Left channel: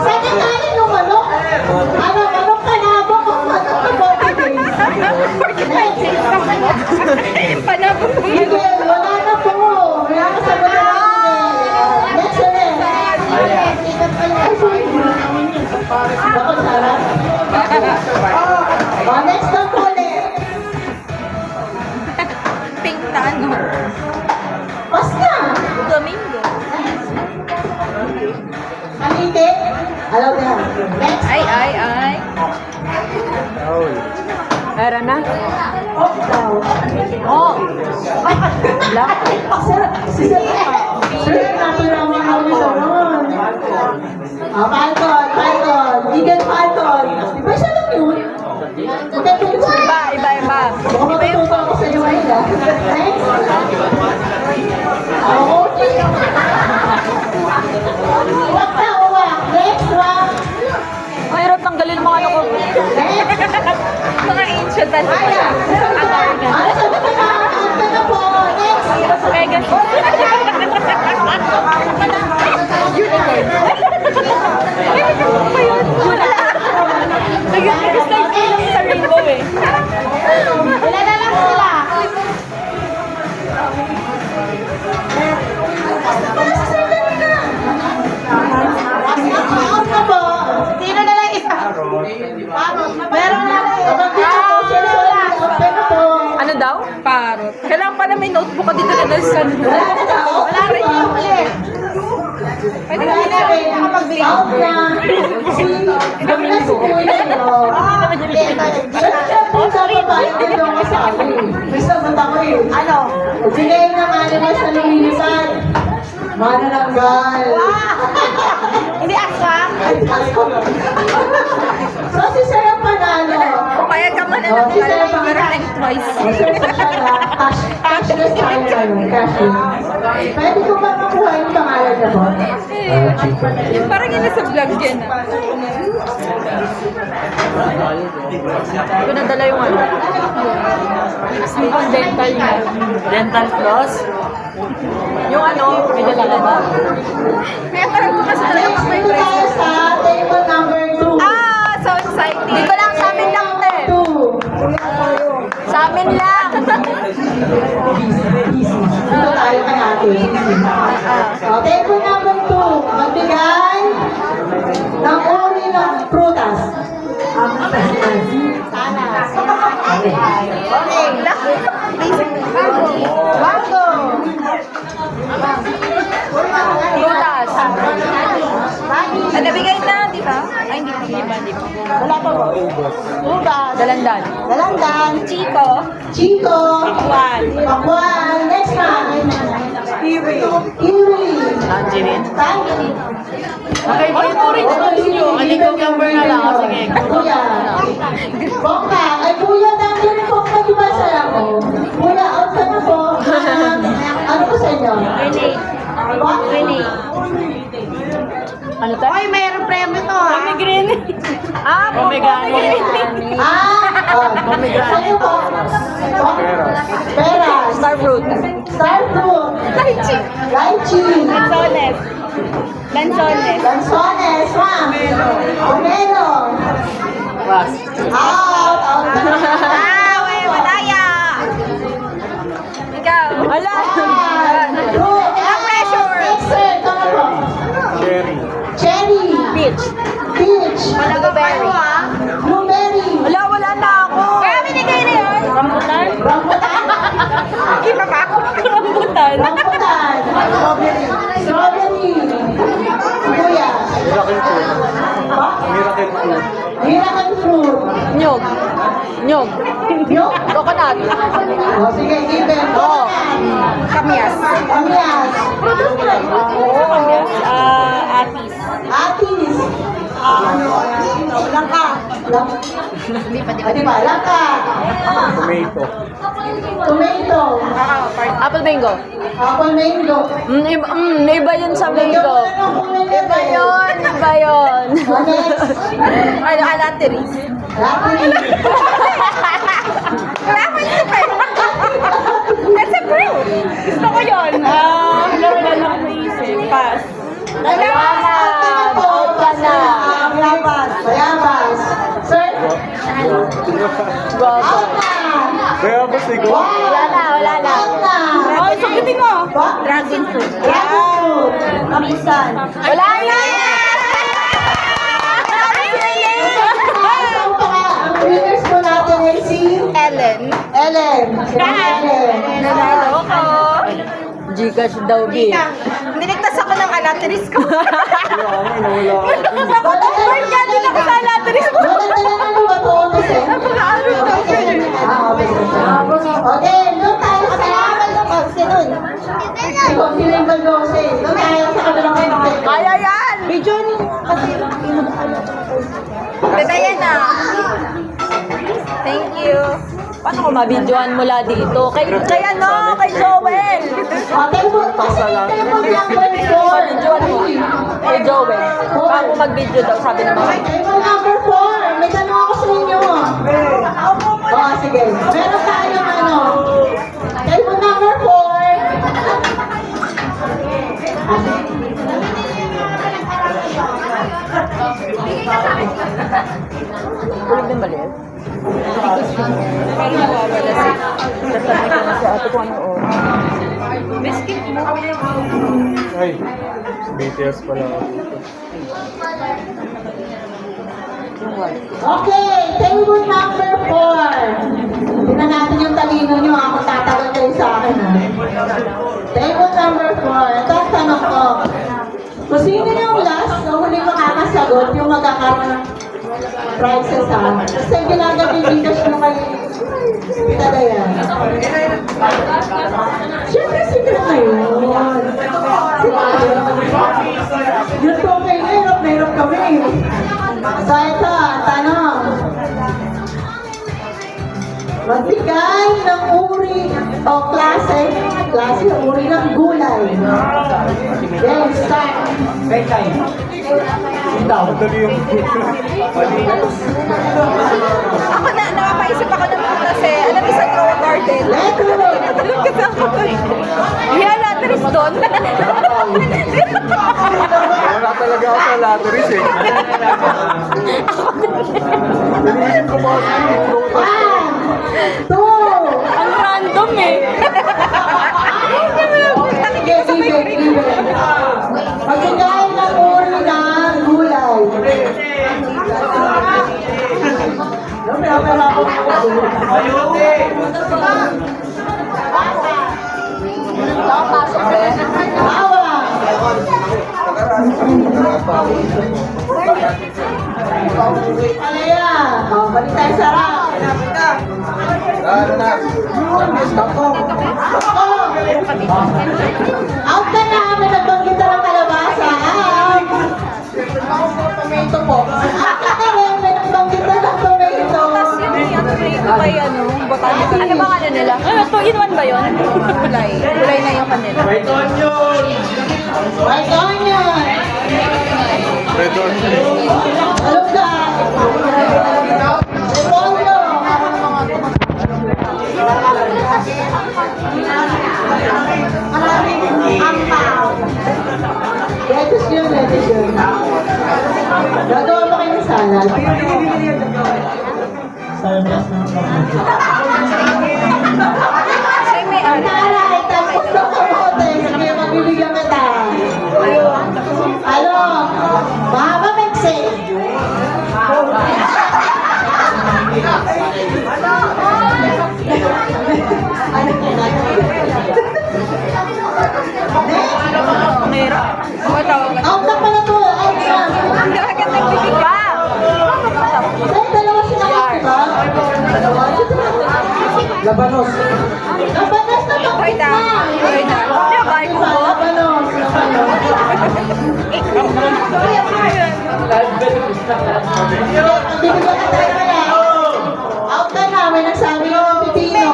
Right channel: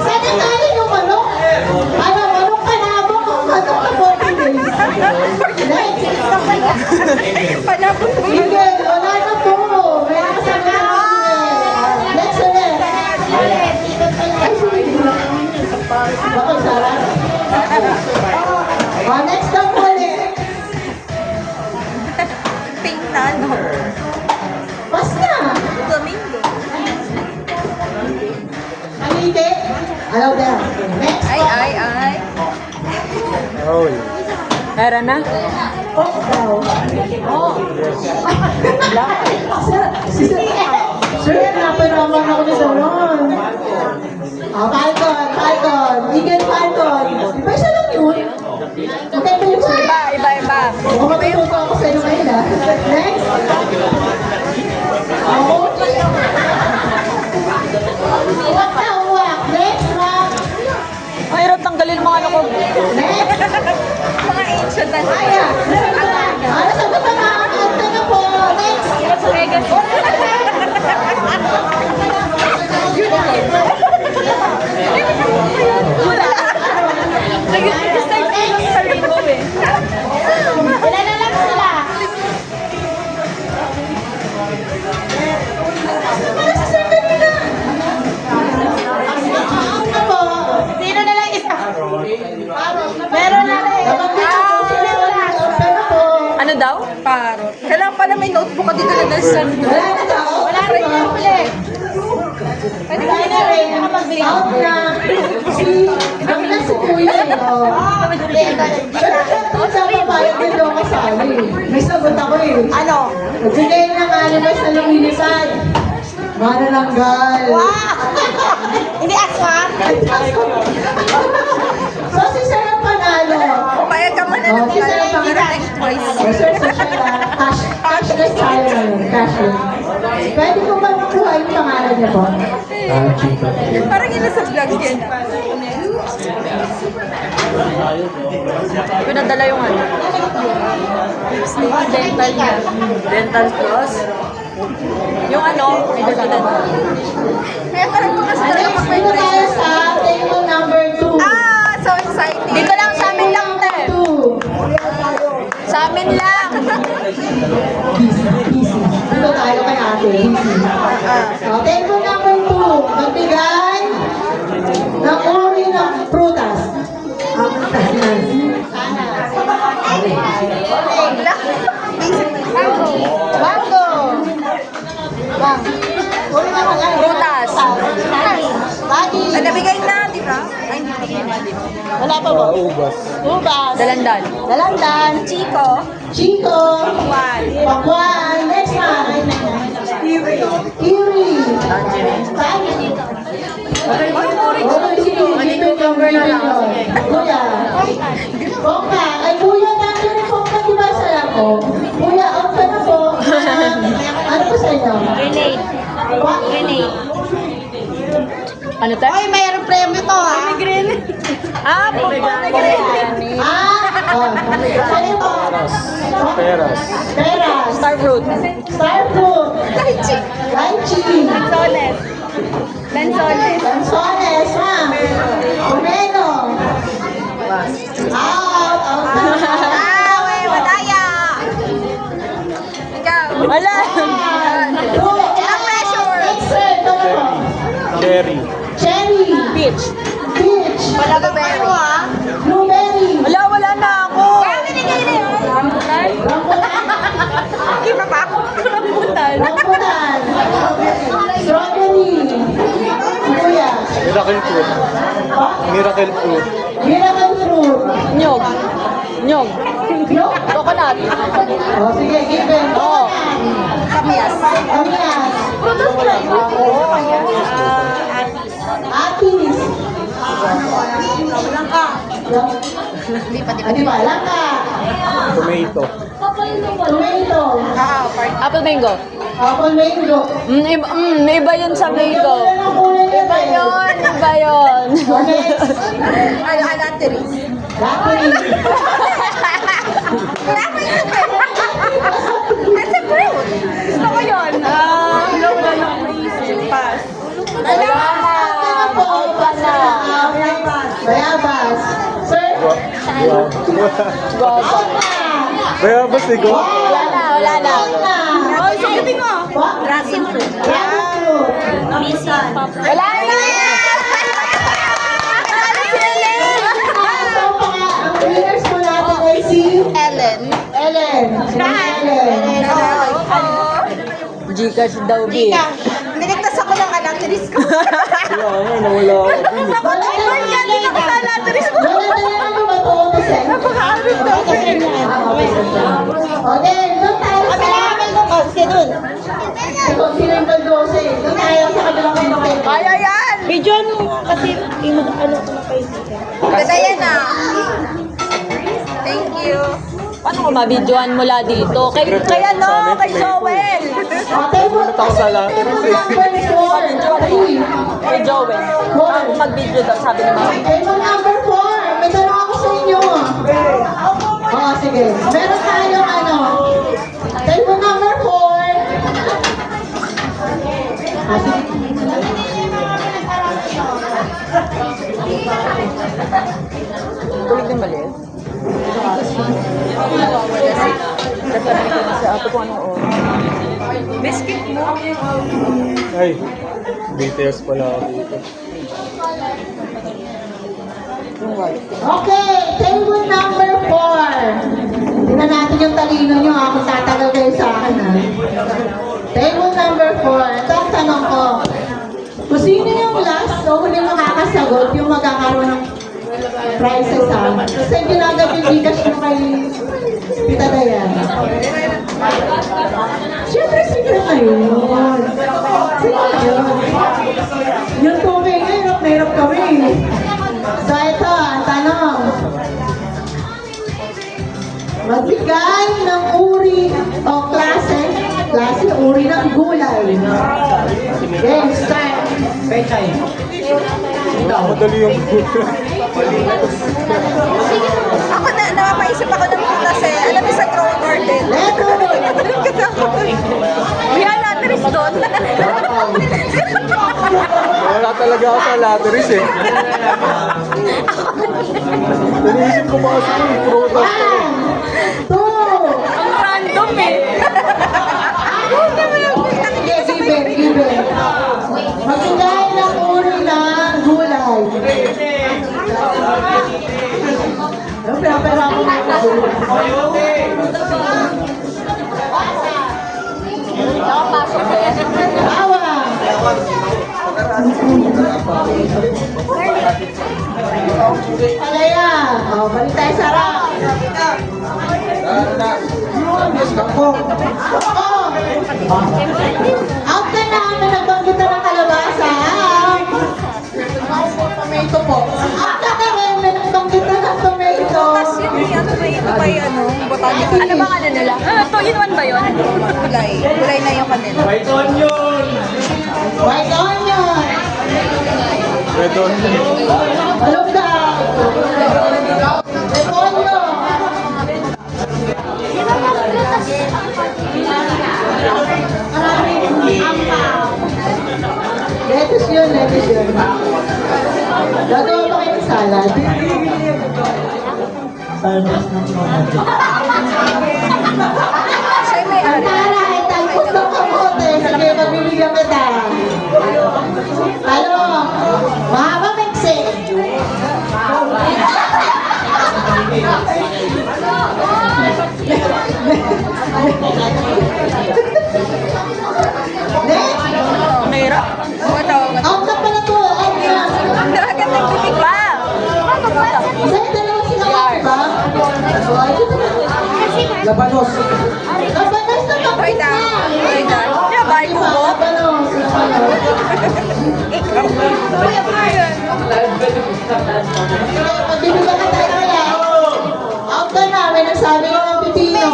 Sana tayo yung manok. Ano, manok ka na ba? Manok ka ba? Panabot mo. Hindi, wala na po. Wala na sa mga next ulit. Ako, Sarah. Next na po ulit. Pink na ano. Basta. Flamingo. Malite. Hello there. Next. Ay. Era na? Oh, daw. Black. Sir, napiraman ako ni Saron. Falcon. Eagle Falcon. Di ba siya lang yun? Hindi po yun siya. Iba. Baka matututo ako sa iyo ngayon ah. Next. Okay. Wak na uwak. Next one. Ay, hirap tanggalin mga ano ko. Next. Mga ancient ano. Kaya. Ano sa ito na? Ito na po. Next. Wala na lang sila. Ano po? Sino na lang isa? Meron na lang. Sino na? Open na po. Ano daw? Parot. Kailangan pala may notebook ka dito na nasa Wala na daw. Wala rin na ulit. Pwede Wala na rin. Nakapagbigay. Out na. Ang nasa kuya. Hindi. Sa babae, dito ako sa ano eh. May sagot ako eh. Ano? Nagbigay ng animals na lumilisan. Manananggal. Hindi aswang. So, si Sir ang panalo. Payag ka man na Oh, ng si Sir ang pero panalo. like twice. Oh, Sir, cashless tayo ngayon. Cashless. Pwede ko ba makuha yung pangalan niya po? Yung parang yun sa vlog yan. Pinadala yung ano. Dental niya. Dental floss. Yung ano, may dala na. Kaya parang ko kasi talaga pag may Dito tayo presyo. sa table number 2. Ah, so exciting. Dito lang sa amin lang, te. 2. Sa amin lang. Dito tayo ka natin. So, table number 2. Magbigay ng uri ng prutas. Mango. Prutas. Daddy. Ay, nabigay na, di ba? Ay, hindi pa ba? Wala pa ba? Ubas. Dalandan. Dalandan. Chico. Chico. Pakwan. Pakwan. Next one. Kiwi. Kiwi. Tangerine. Ano number na lang? Kuya. Bongka. Ay, kuya, nandiyan ang bongka, di ba saya ko? Kuya, out ka na po. Ano po sa inyo? What? Ano tayo? Ay, mayroong premyo ko ha. Ah, pomegranate. Ano po? Pera. Star fruit. Star fruit. Lychee. Lychee. Lanzones. Lanzones. Lanzones, ma'am. Pomelo. Out. Wey, mataya. Ikaw. Wala. Ang pressure. Next, sir. Ito po. Cherry. Cherry. Peach. Peach. Blueberry. Blueberry. Wala na ako. Binigay na yun. Rambutan. Iba pa? Rambutan. Rambutan. Strawberry. Kuya. Miracle fruit. Pa? Miracle fruit. Miracle fruit. Nyog. Nyog. Yok. Coconut. O, sige, given. Oo. Kamyas. Kamyas. Oo. Atis. Atis. Langka. Hindi pa, Di ba? Laka. Tomato. Tomato. Apple mango. Apple mango. Iba yun sa mango. Iba yun. Iba yun. Next. Ano, alateris. Latin. Wala pa yun. That's a fruit. Gusto ko yun. Wala ko naisip. Pass. Wala na. Out ka na. Bayabas. Sir? Baba. Kaya ba sigo? Wala na, wala na. Oh, sakitin mo. Dragon fruit. Out. Wala na! Ang winners po natin ay si Ellen. Ellen. Si Ellen. Nanalo ko. Gcash daw, B. Niligtas ako ng alateris ko. Kaya nga, nawala ako. Bakit galing ako sa alateris ko? Maganda na naman matuto siya. Napaka-arog daw ko eh. Okay, doon tayo sa... Sinun. Kung sino yung Baldose, doon tayo sa kabilang konti. Kaya yan! Video mo kasi Ganda yan ah. Thank you. Paano ko mabidyoan mula dito? Kay ano? Kay Joel! Okay po. Mabidyoan mo. Kay Joel. Bago mag-video daw, sabi ni Mama. Table number 4. May tanong ako sa inyo. Oh, sige. Meron tayong ano. Table number 4. Ah, sige. Tulig ng baliw. Parang nawawala si... Tatanong ko na si ate kung anong oras. Biscuit mo. Ay, BTS pala ako dito. Yung white. Okay, table number 4. Tingnan natin yung talino nyo ha, kung tatagal kayo sa akin ha. Table number 4. Ito ang tanong ko. Kung sino yung last na huli makakasagot yung magkakaroon ng prizes ha. Kasi ginagabi Gcash nyo kay Pitada yan. Siyempre secret na yun. Yung tungkay na hirap na hirap kami. So ito, ang tanong. Magbigay ng uri o klase uri ng gulay. Then, start. Madali yung Ako na, napapaisip ako ng putas eh. Alam mo sa grow garden. Alam ko sa ako. May alateris doon. wala talaga ako sa lateris eh. Iniisip ko mga siguro. 1, 2, Ang random eh. magbigay ng uri ng gulay. Pero ako Nakapasok ba? Bawang. Palaya. O, balik tayo sa harap. Bako. Out ka na. May nagbanggit na ng kalabasa. Out. Tomato po. Out ka na rin. May nagbanggit na ng tomato. Tapos yun, yung tomato pa yung ano, botanical. Ano ba ano nila? Ano, 2-in-1 ba yun? Kulay. Kulay na yung kanila. White onion. Red onion. Alam ka. Repolyo. Lettuce yun, lettuce yun. Gagawa ba kayo ng salad? Siya may ari. Para, italpos ng kamote. Sige, mabibigyan kita. Ano? Mahaba Mexe. Mera. Matawag ka. Out na pala to. Out na. Ang dagat ng bibig ka. Kasi dalawa sila ba? Labanos. Labanos na to. Hoy da. Hoy da. Labay mo ko. Labanos. Ikaw. Kuya mo yan. Pagbibigyan kita kaya. Out ka na. May nagsabi ko ng pipino.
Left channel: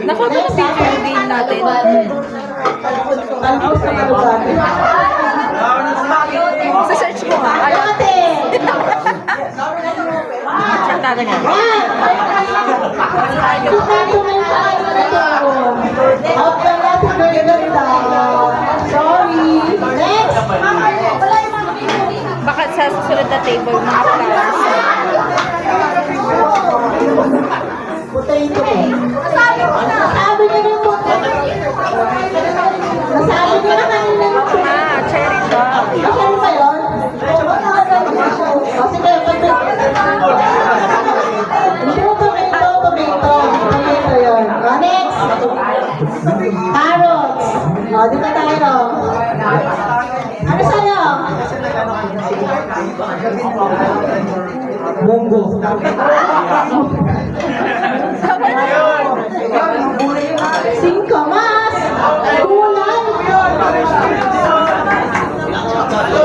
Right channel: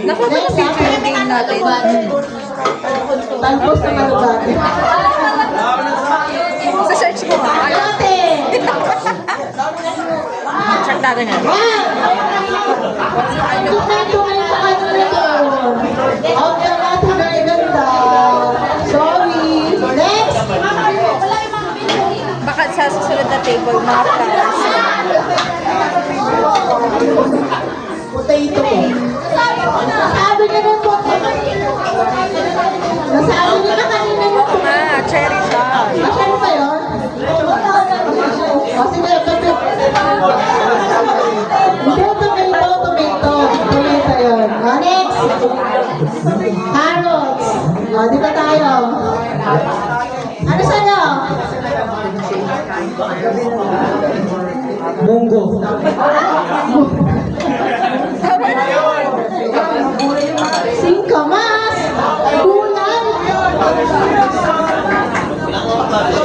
Nakuha ba ng picture yung game natin? Talpos na kalugati. Sa search mo nga. Ay, Ate. Check natin yan. Out ka na. Tagay ganda. Sorry. Next. sa susunod na table, mga flowers. Potato. Nasabi niya na po. Nasabi niya na kanina na po. Cherry siya. Nasaan ba yun? O sige, hindi, tomato yun. O, next. Carrots. O, di ba tayo? Ano sa'yo? Munggo. Singkamas. Bulan.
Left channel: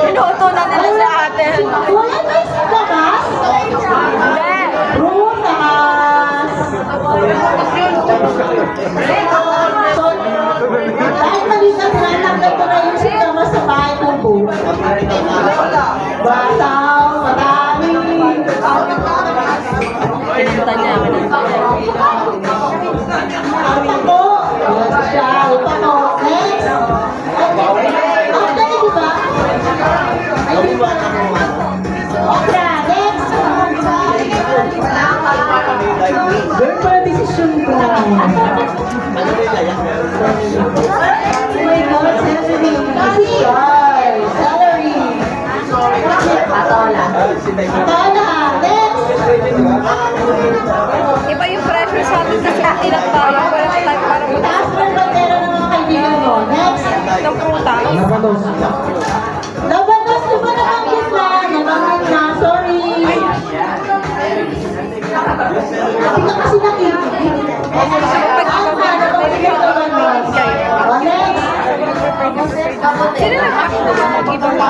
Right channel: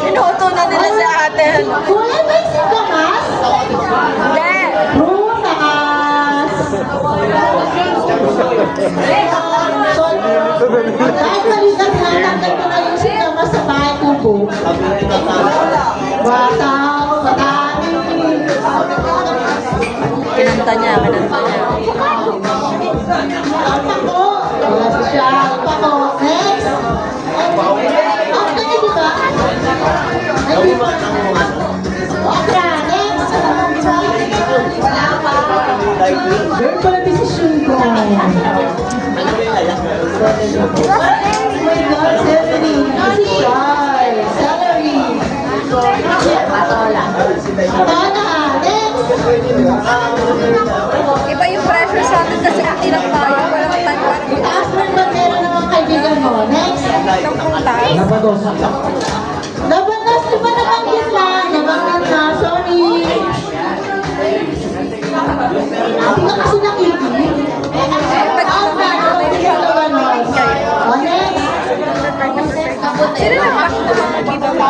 Inuto na nila sa atin. Bulan ba yung singkamas? Hindi. Prutas. So, dahil maligas na, tanggal ko na yung singkamas sa bahay ko po. Bataw, madami. Kinanta niya. Pako. Siya, pako. Next. Okay, di ba? Okra, next. Very bad decision ko. Ano rin na yan? Oh my God, Stephanie. Celery. Patola. Patola, next. Iba yung pressure sa atin kasi hindi lang tayo. Walang time para Taas mag-isip ng bandera ng mga kaibigan mo. Next. ng prutas. Labanas, di ba nabanggit mo? Nabanggit na, sorry. Hindi ka kasi nakikinig. Pag may pag-ibig kayo. O, next. Sobrang prepared na prepared. Sino nag-pack ng mga giveaway?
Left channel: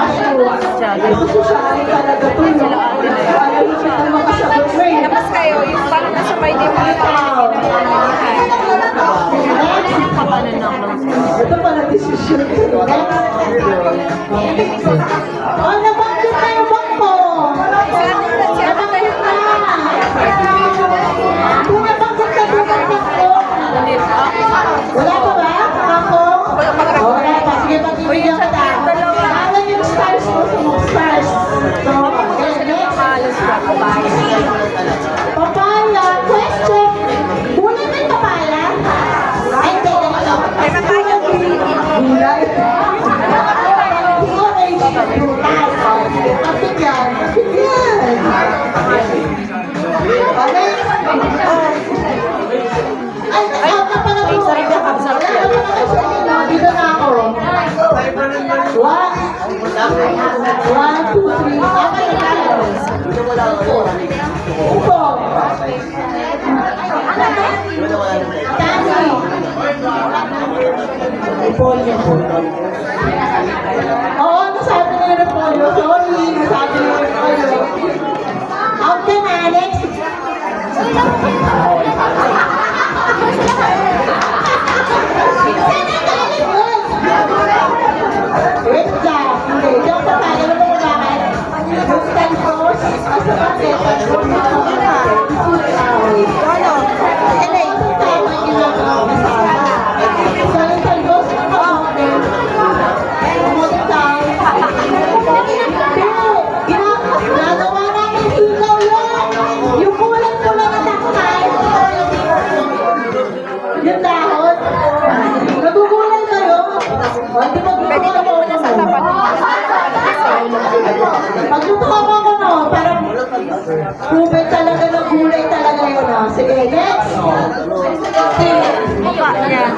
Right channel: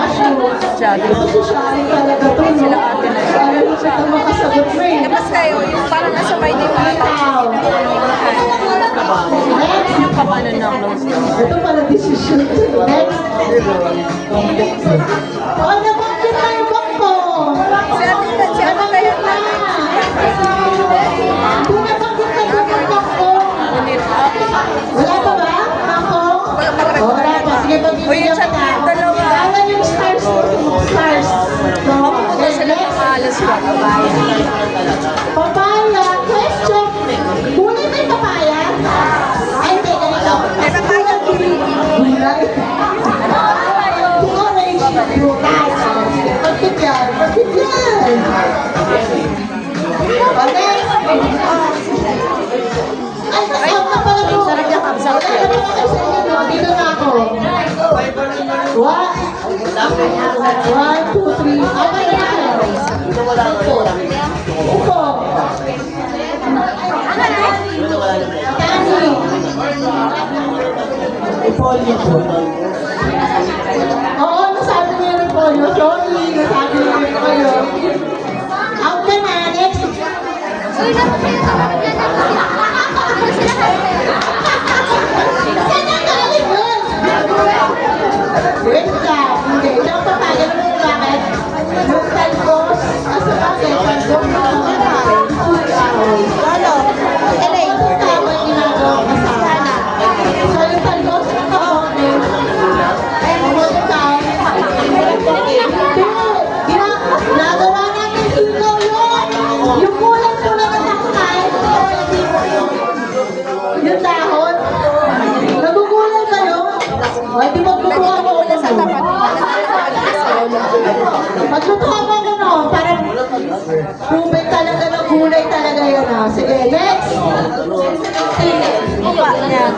Ito si Shani talaga to, no? Alam mo siya, makasagot mo eh. Tapos kayo, yung parang nasa mind yung mga tao yung ginagawa. Next. Paano na ako? Ito pala decision. Next. O, nabanggit na yung bangko. Si ate tayo na Kung nabanggit na yung bangko. Wala pa ba? Bangko? Wala pang regular na tao. Sige, pagbibigyan ka na. Dalawa yung stars mo. Stars. Mapupunta sila ng alas 4. Papaya. Question. Muna na yung papaya? Ay, hindi. Ganito. May papaya po rin. Ay, sarap yung kapsat yan. Dito na ako. 1, 2, 3. Apa na yan? Ito. Tami. Repolyo. Oo, nasabi ko yung repolyo. Sorry, nasabi ko yung repolyo. Out ka na, next. Uy, laro kayo na ako sila kasi. Sana ka na yun. Wait lang. Hindi, diyan pa tayo. Alam mo kung bakit? Yung talbos. Kasi bakit? Talbos na ako. Ano? Ito tao yung ginagawa ko sa akin. So, yung talbos na kamote. Kamote tao. Ginagawa namin hikaw yun. Yung kulang-kulang na nakunain. Yung dahon. Nagugulay kayo. Hindi Pwede ka muna sa tapat. Magtutuwa mo ako, no? Parang kubay talaga ng gulay talaga yun, no? Sige, next! Mukha niya.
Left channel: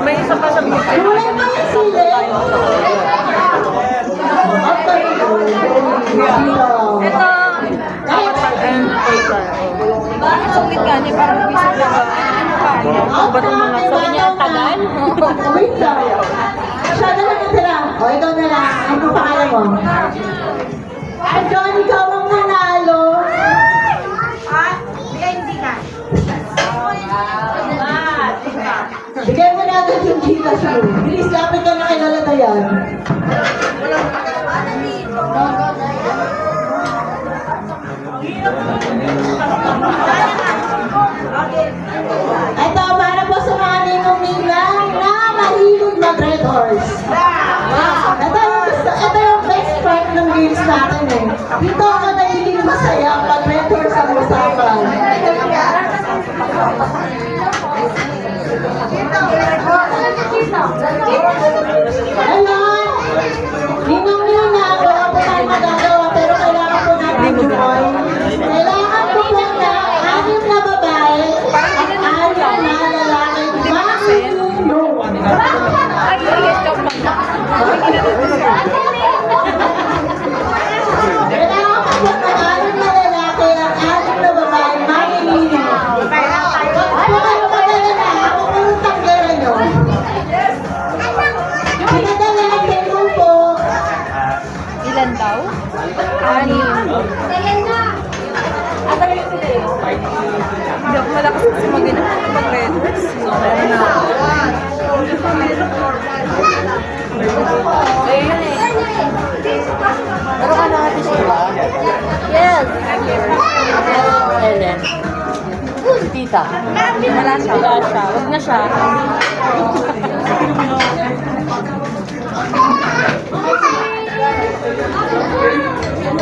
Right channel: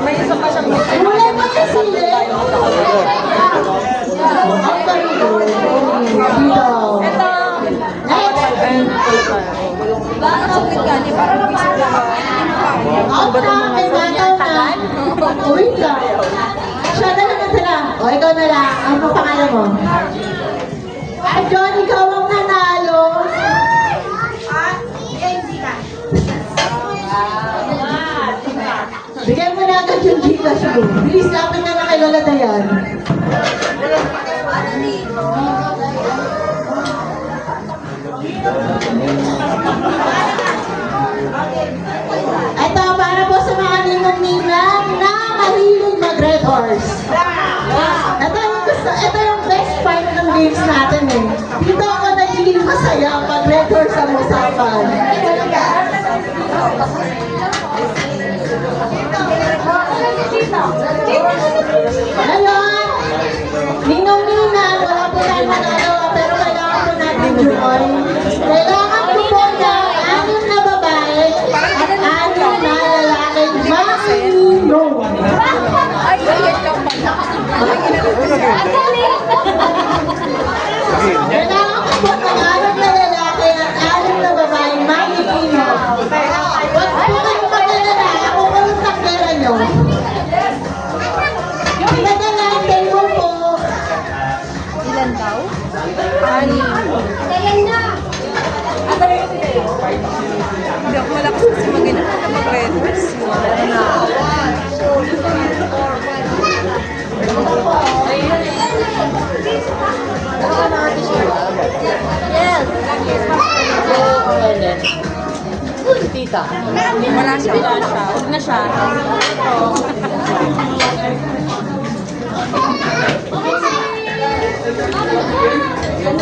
May isa pa sa buhay. Gulay pa yung sili? Ang tayo. Ito. Ayun na pala tayo. Ang sungit ka niya. Parang visit na ba? Mukha niya. Ang ba't yung mga sabi niya, tagal? Wait lang. Siya na lang ito lang. O, ikaw na lang. Ano pangalan mo? Ay, John, ikaw ang nanalo. Bigyan mo na agad yung Gcash mo. Bilis, lapit na kay Lola Dayan. Ito, para po sa mga ninong-ninang na mahilig mag-red horse. Ito yung best part ng games natin eh. Dito ako nagiging masaya pag networks ang usapan. Ayan! Ninong-ninong na, wala po tayong magagawa, pero kailangan po natin buhay. Kailangan po po ng 6 na babae Parang at 6 ginanong ko lang. na lalaki. Hindi ba kasi? Ay, yan daw pala. May ginanong ko siya. Kailangan po ng 6 na lalaki at 6 na babae. Makinino. Huwag po kayo magalala. Ako po yung tanggera nyo. Pinadalaan tempo po. Ilan daw? Hindi ako malakas kasi mag-inom na pag-letters. Tita. Wala siya. Huwag na siya.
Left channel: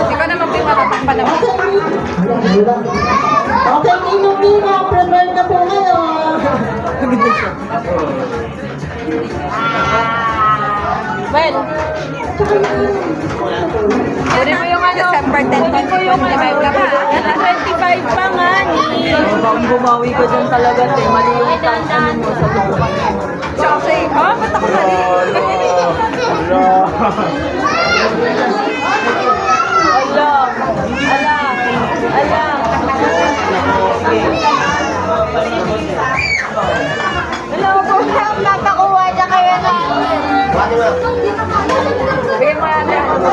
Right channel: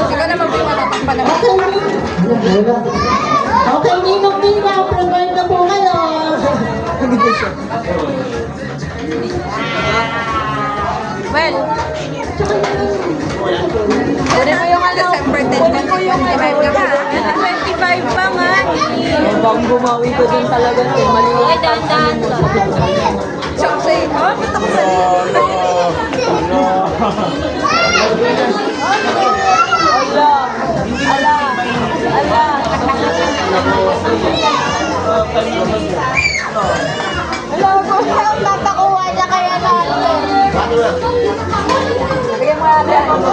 Ikaw naman po yung matatakpan naman. Okay, ninong-ninong. Prepare na po kayo. Well, Kunin mo yung December 10, 2025 ka pa. 25 pa nga. Bang bumawi ko dyan talaga. Mali yung ano mo sa butukan mo. Siya ko sa'yo, ba't ako mali? Ala! Ala! Ala! Hello po! Tatakuha niya kaya natin. Bigyan mo natin ako mo.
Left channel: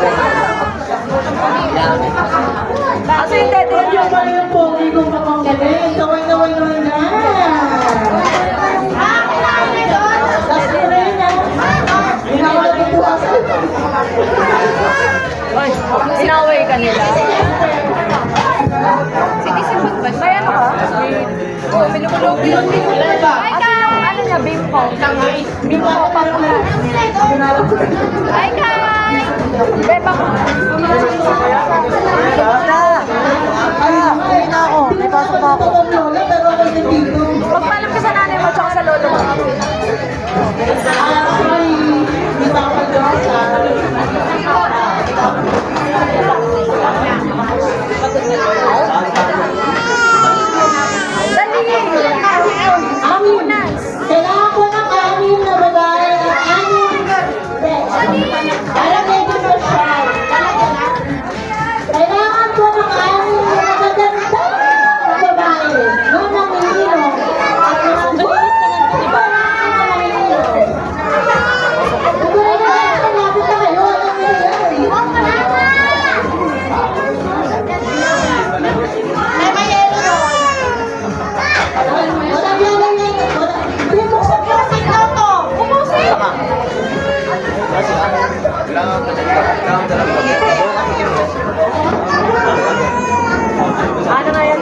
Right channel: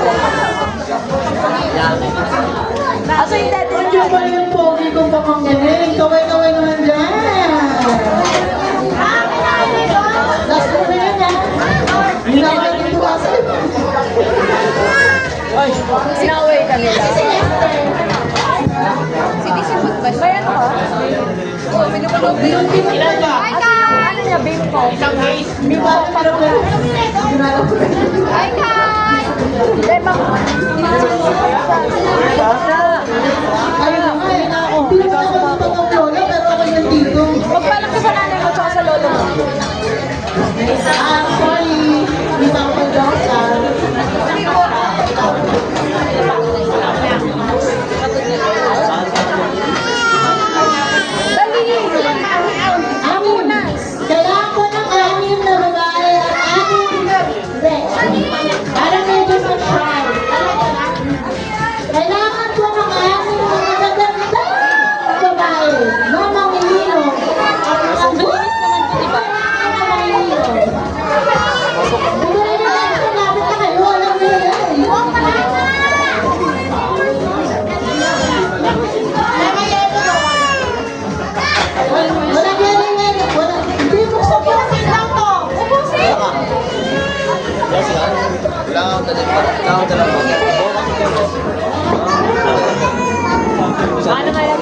Aso yung dead Huwag yung pa yung pogi kong pamanggaling. Kaway-kaway naman dyan. Tapos ko rin yan. Hindi na ako nagbubukasan. Ay, inaway ka nila. Sinisipot ba? May ano ka? Oo, minumunog ko yung Aso yung ano niya, bimpo. Bimpo, pamulan. Ay, Beba mo. ay, hindi na ako nagpapaglola, pero ako yung dito. Magpalam ka sa nanay mo tsaka sa lolo mo. Sorry. Hindi pa ako nagpapaglola. Dali! Mamunas. Kailangan ko ng 6 na babae at 6 na para medyo sa-shy. Kailangan ko ng 6 na magaganda na babae na mamilino at mga buhay Diba? na mamilino. Siguro na lang malapit na kayo. Alam niyo yan. Walang lalagay. Hindi, buksan ko na sa to. Ubusin. Ano nga yan?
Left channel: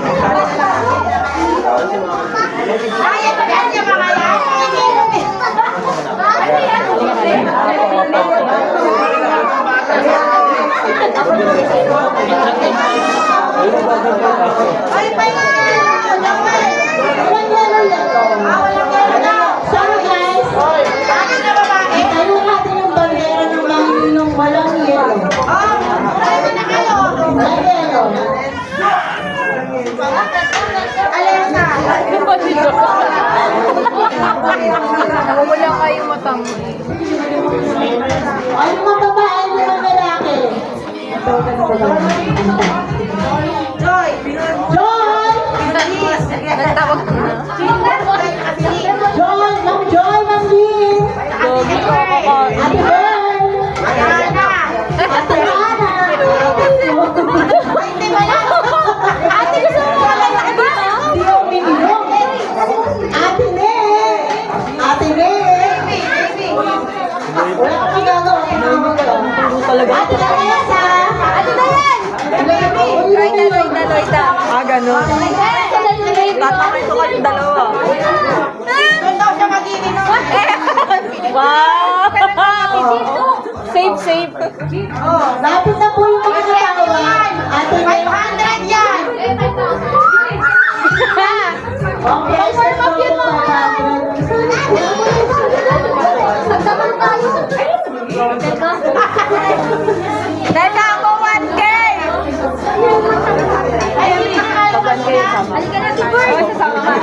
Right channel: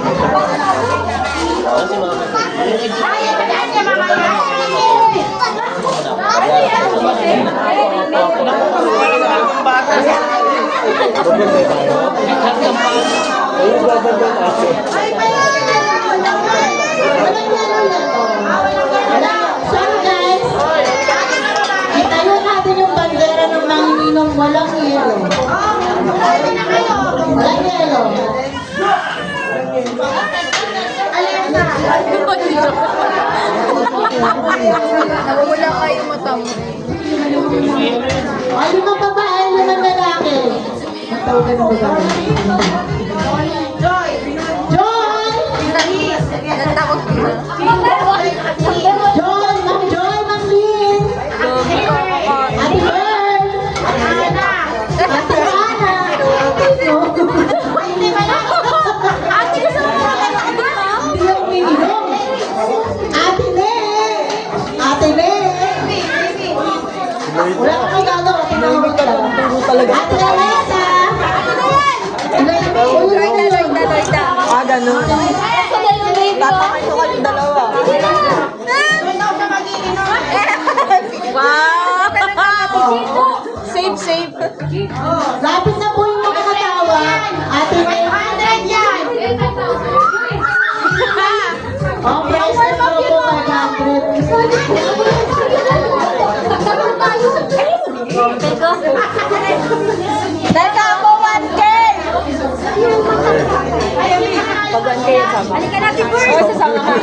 So guys, itayo natin yung bandera ng mga ninong walang yelo. Walang yelo. Nawawala ka yung mata mo. Ay, 5 babae, 5 lalaki. Joy! Nagtawag ko na. Joy! Ma'am Joy! Ma'am Lynn! Gogi ko ako ko. Ate Bern! Ate Ana! Ate, gusto mo makalala dito? Hindi ako minilong. Ate Ne! Ate Ne! Wala kang magagawa. Tinawag ka lang. Talaga. Ate Teresa! Ate Dayan! Loida. Ah, ganun. Tatamay ko kayong dalawa. Wow! Safe, safe. Lapit na po yung Ang price tag daw po 500. Teka po, 1K! Pag 1K yung sama. Oo, sasama ka.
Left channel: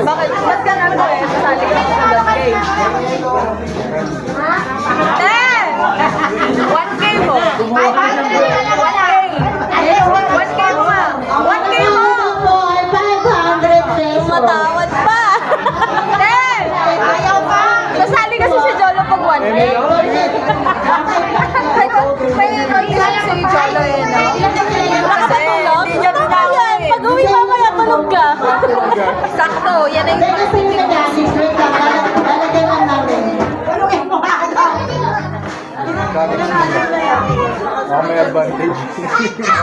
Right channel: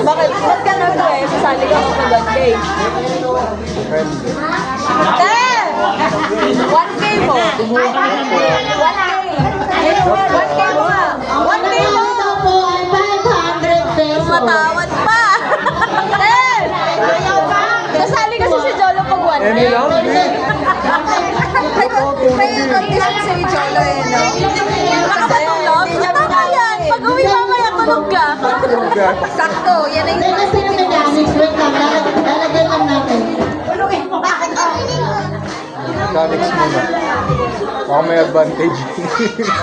Bakit? Ba't ka naman eh? Sasali ka mag 1K. Te! 1K mo! 1K! 1K mo nga! 1K mo! Ito po ay 500 pesos. Matawad pa! Te! Sasali kasi si Jolo pag 1K. May condition si Jolo eh, no? Kasi hindi niya binawi. Pag uwi mamaya, tulog ka. Sakto, yan na yung Teka, sino mechanics? Wait lang, lalagyan lang natin. Mechanics mo na. Baka may advantage.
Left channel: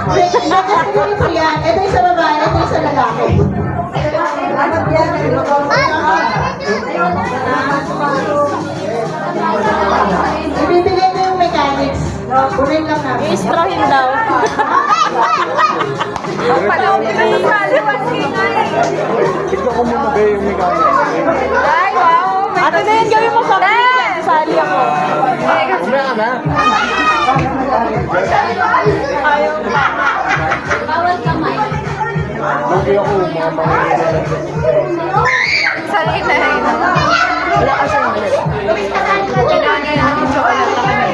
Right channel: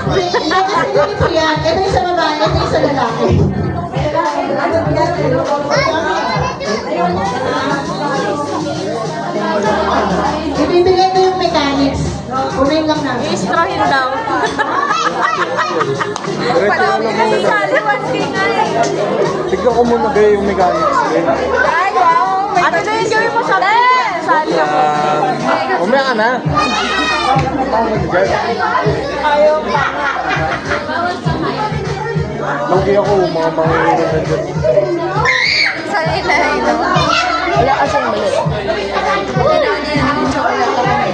Teka, sino po yan? Ito yung sa babae, ito yung sa lalaki. Ibibigay ko yung mechanics. Kunin lang natin. I-strahin daw. Palawin na sasali 1K na eh. Tignan ko muna ba yung mechanics. Ay, wow! May Ate na yun, gawin mo sa akin. Sali ako. Umaya ka na. Ayaw pa. Lugi ako, mga manginginig. Sanay na eh, no? Wala kasi yung mali. Ginawa niya yun ng chocolate ako niya.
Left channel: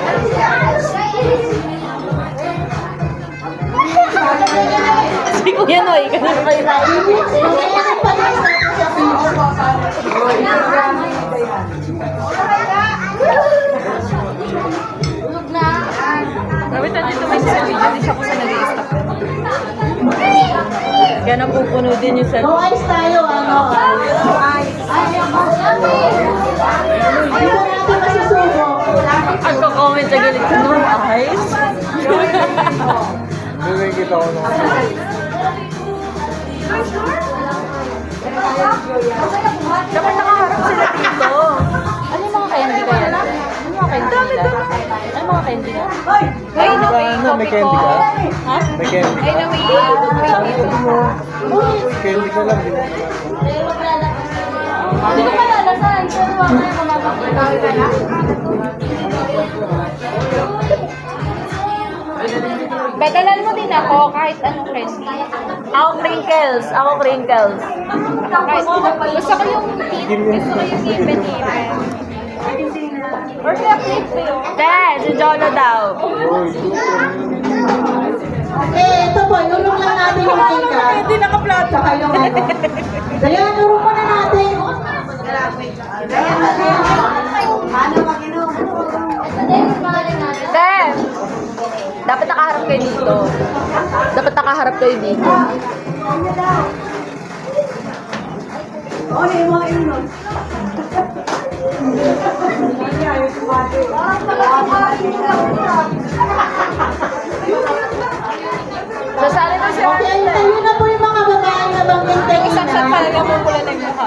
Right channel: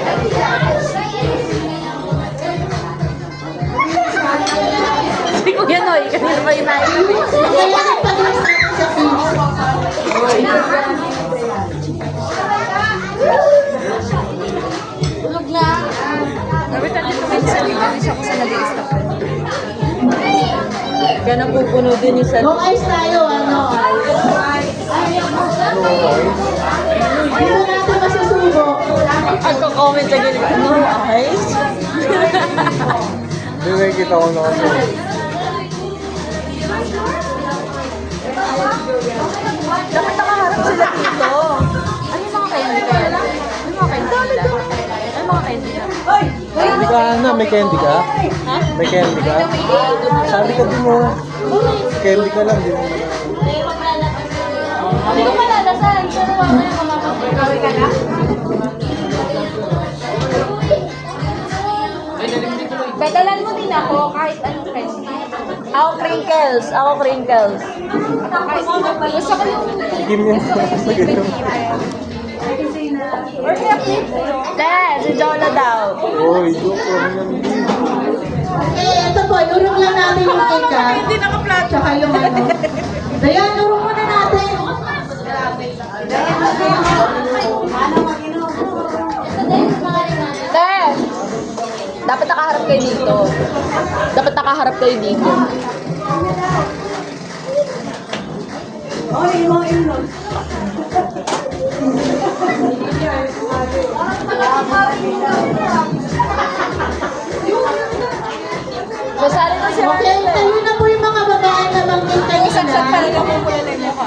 Si Kuya Noy, kanina pa yung tayo. Nangyayari pa rin sa fees. Dapat natin tumingin sa video, hindi siya kung saan nag-i-stop. Kaya napupuno din yung No cellphone. ice tayo, ano? Hindi mo natin masusubo. Ang comment sa gilid ko, no eyes. Hindi nakikita ko lang. Dapat nakaharap sila dito. Ano yung mga candy ko yan? Ano yung mga candy nila? Ano yung mga candy nila? Ay, Di ba, ano, may candy ka? Ha? May candy Ay, ka? na may doon Sabi ka din mo. Candy ka lang, di mo. Hindi ko malalasan. Pero mamaya mamamatay ko. Badalan mo din ako kahit anong candy. Ako crinkles. Ako crinkles. Kahit, gusto ko yung even. Or kaya flip kayo. Te, si Jolo daw. Uy, Ito po, nurong lang natin yung cake ha. Hindi naka-flat. Tsaka yung ano. Kaya nurong mo na natin. Te, dapat nakaharap kayo dito. Dapat nakaharap kayo dito. Sasali na siya. Okay, tayo na po yung mga babae na banggit kayo Isang shot na. pa lang yung mula na yung mukha.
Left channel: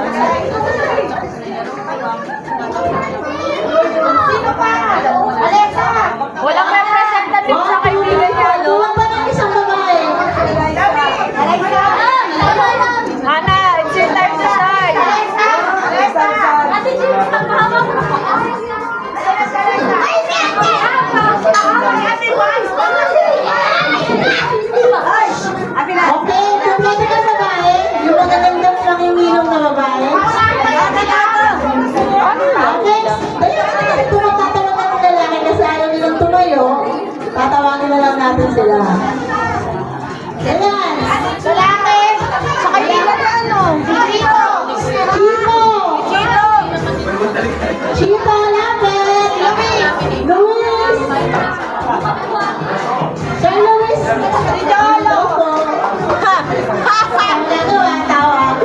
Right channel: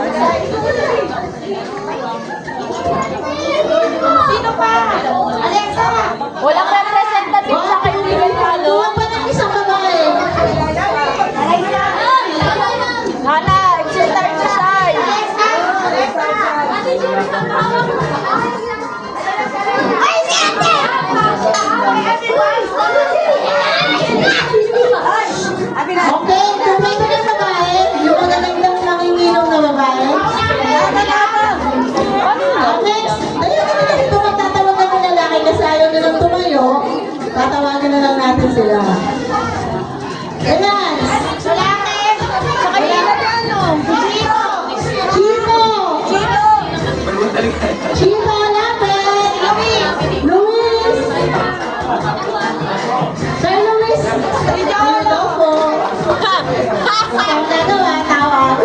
Walang representative sa kaibigan niya, no? Kuha pa ng isang babae. Hana, it's your time to shine. Okay, kumpleto na babae. Yung magagandang nanginginom na babae. Next, dali na natin kung magtatawagan ng lalaki kasi ayaw nilang tumayo. Tatawagin na lang natin sila. Ayan. Lalaki. Sa kaibigan niya, ano? Chino. Chino! Chino, lapit. Luis. Sir Luis. Hello po. Ang dalawa, tawag.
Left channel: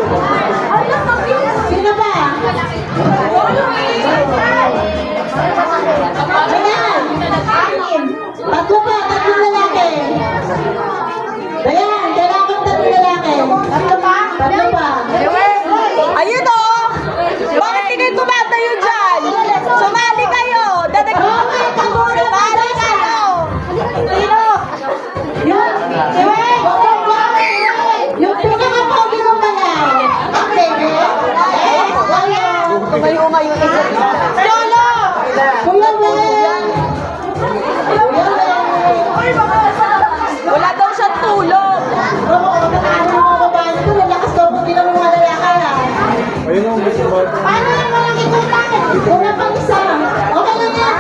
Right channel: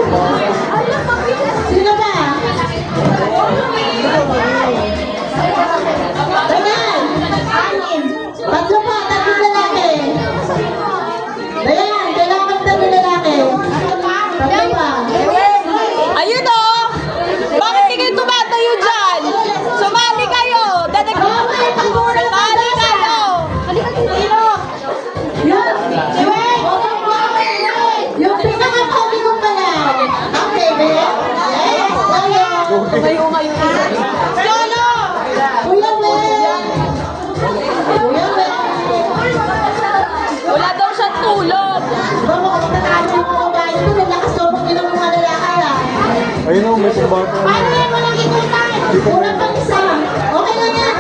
Sino ba? Wala daw siyang tulog. Mama, kung matatalo yung mga babae nito, lalakas daw ng ilang mga lalaki ha. Ayun o, may support. Paano yan walang ikutan? Una pang isa. Okay lang yan.